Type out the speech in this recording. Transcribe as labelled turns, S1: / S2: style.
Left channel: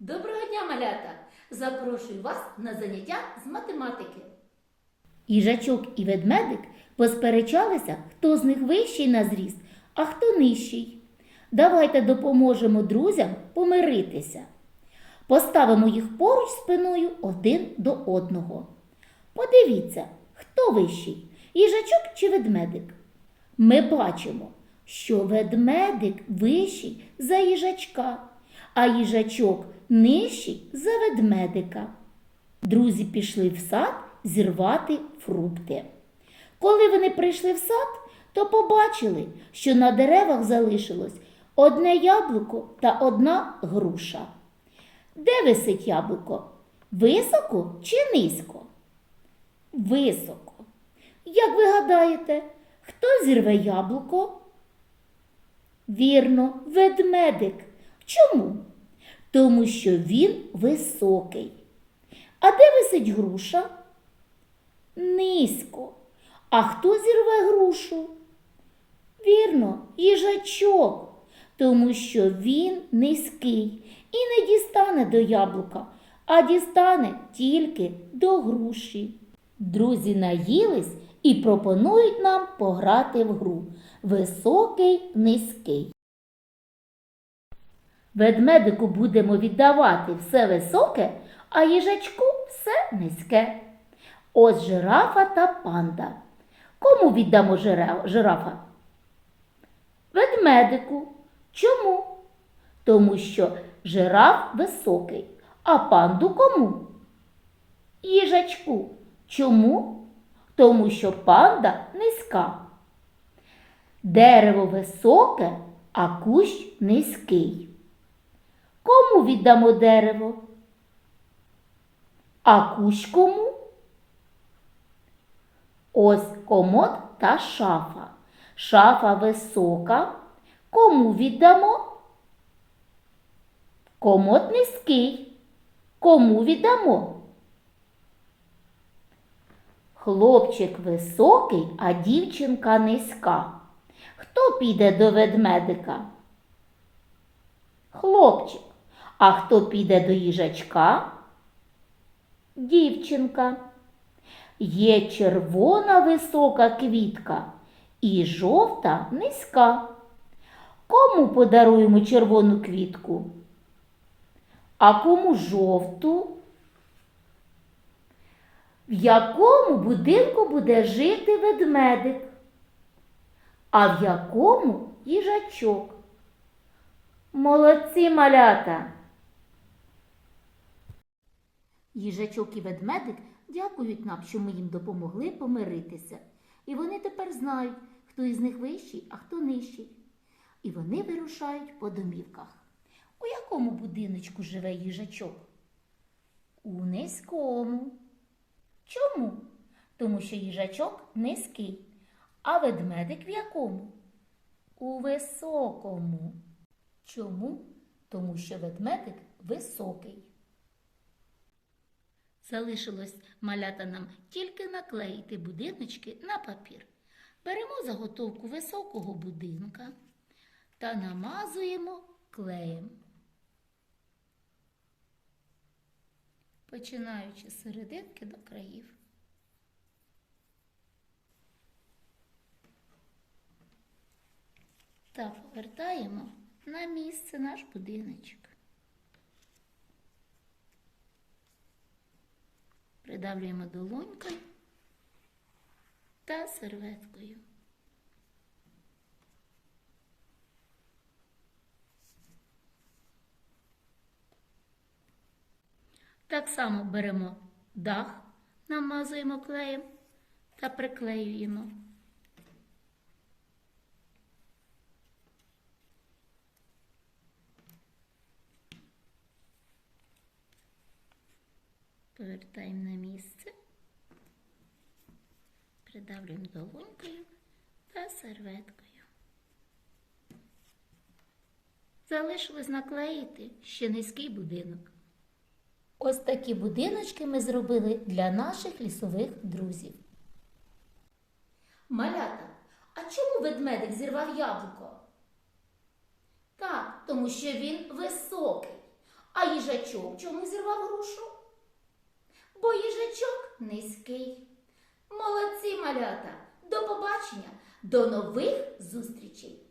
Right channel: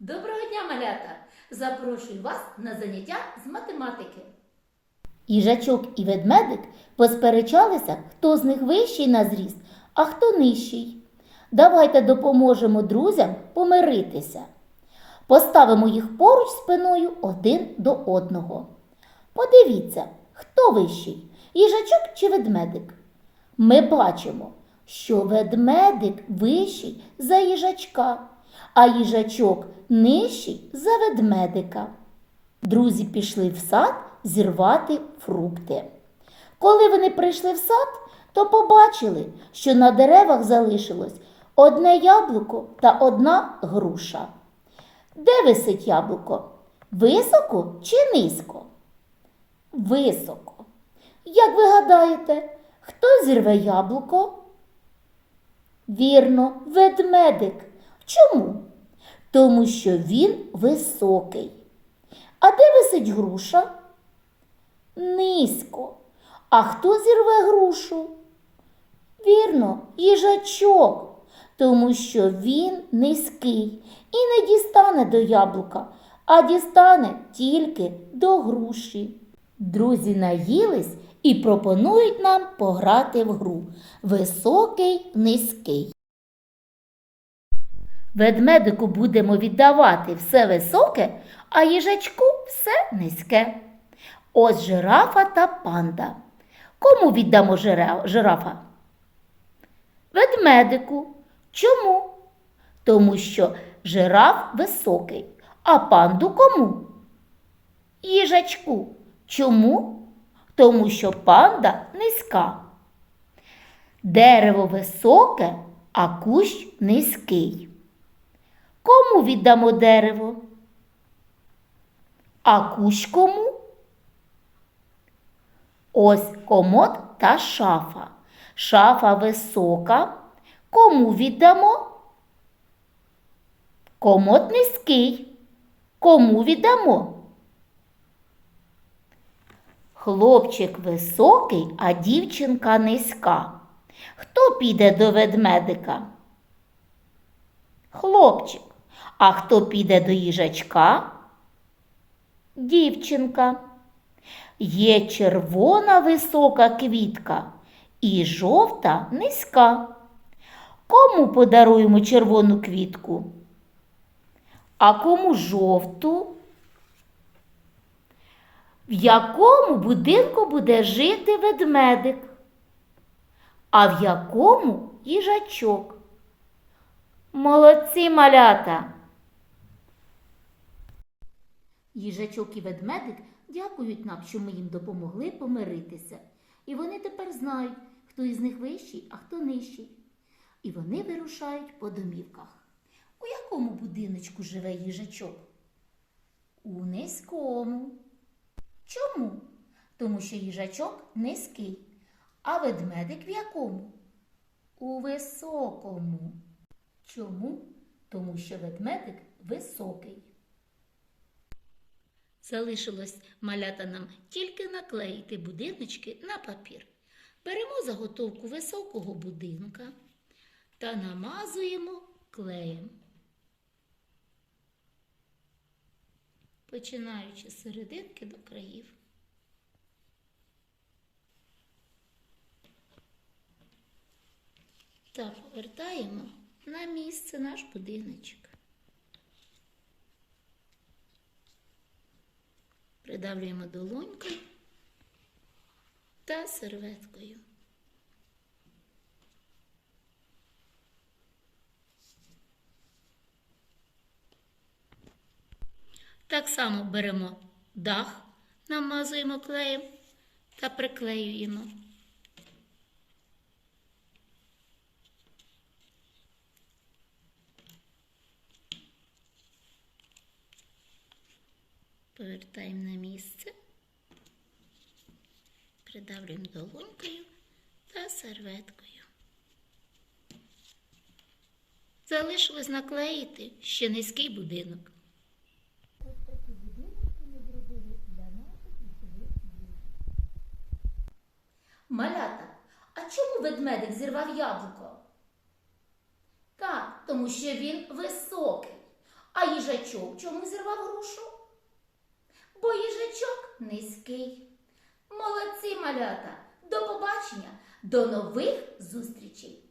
S1: Доброго дня, малята! Запрошую вас на заняття з математики.
S2: Їжачок і ведмедик посперечалися, хто з них вищий на зріст, а хто нижчий. Давайте допоможемо друзям помиритися. Поставимо їх поруч спиною один до одного. Подивіться, хто вищий їжачок чи ведмедик. Ми бачимо, що ведмедик вищий за їжачка, а їжачок нижчий за ведмедика. Друзі пішли в сад зірвати фрукти. Коли вони прийшли в сад, то побачили, що на деревах залишилось одне яблуко та одна груша. Де висить яблуко? Високо чи низько? Високо. Як ви гадаєте, хто зірве яблуко? Вірно, ведмедик. Чому? Тому що він високий. А де висить груша? Низько. А хто зірве грушу? Вірно, їжачок, тому що він низький і не дістане до яблука, а дістане тільки до груші. Друзі наїлись і пропонують нам пограти в гру Високий низький. Ведмедику будемо віддавати все високе, а їжачку все низьке. Ось жирафа та панда. Кому віддамо жирафа? Ведмедику. Чому? Тому що жираф високий, а панду кому? Їжачку. Чому? Тому що панда низька. Дерево високе, а кущ низький. Кому віддамо дерево? А кущ кому? Ось комод та шафа. Шафа висока. Кому віддамо? Комод низький. Кому віддамо? Хлопчик високий, а дівчинка низька. Хто піде до ведмедика? Хлопчик. А хто піде до їжачка? Дівчинка. Є червона висока квітка і жовта низька. Кому подаруємо червону квітку? А кому жовту? В якому будинку буде жити ведмедик? А в якому їжачок? Молодці малята! Їжачок і ведмедик дякують нам, що ми їм допомогли помиритися. І вони тепер знають, хто із них вищий, а хто нижчий. І вони вирушають по домівках. У якому будиночку живе їжачок? У низькому. Чому? Тому що їжачок низький. А ведмедик в якому? У високому. Чому? Тому що ведмедик високий. Залишилось малята нам тільки наклеїти будиночки на папір. Беремо заготовку високого будинка та намазуємо клеєм. Починаючи з серединки до країв. Та повертаємо на місце наш будиночок. Придавлюємо долонькою та серветкою. Так само беремо дах, намазуємо клеєм та приклеюємо. Повертаємо на місце, придавлюємо долонькою та серветкою. Залишилось наклеїти ще низький будинок. Ось такі будиночки ми зробили для наших лісових друзів. Малята, а чому ведмедик зірвав яблуко? Так, тому що він високий, а
S1: їжачок чому зірвав грушу? Бо їжачок низький. Молодці малята! До побачення, до нових зустрічей!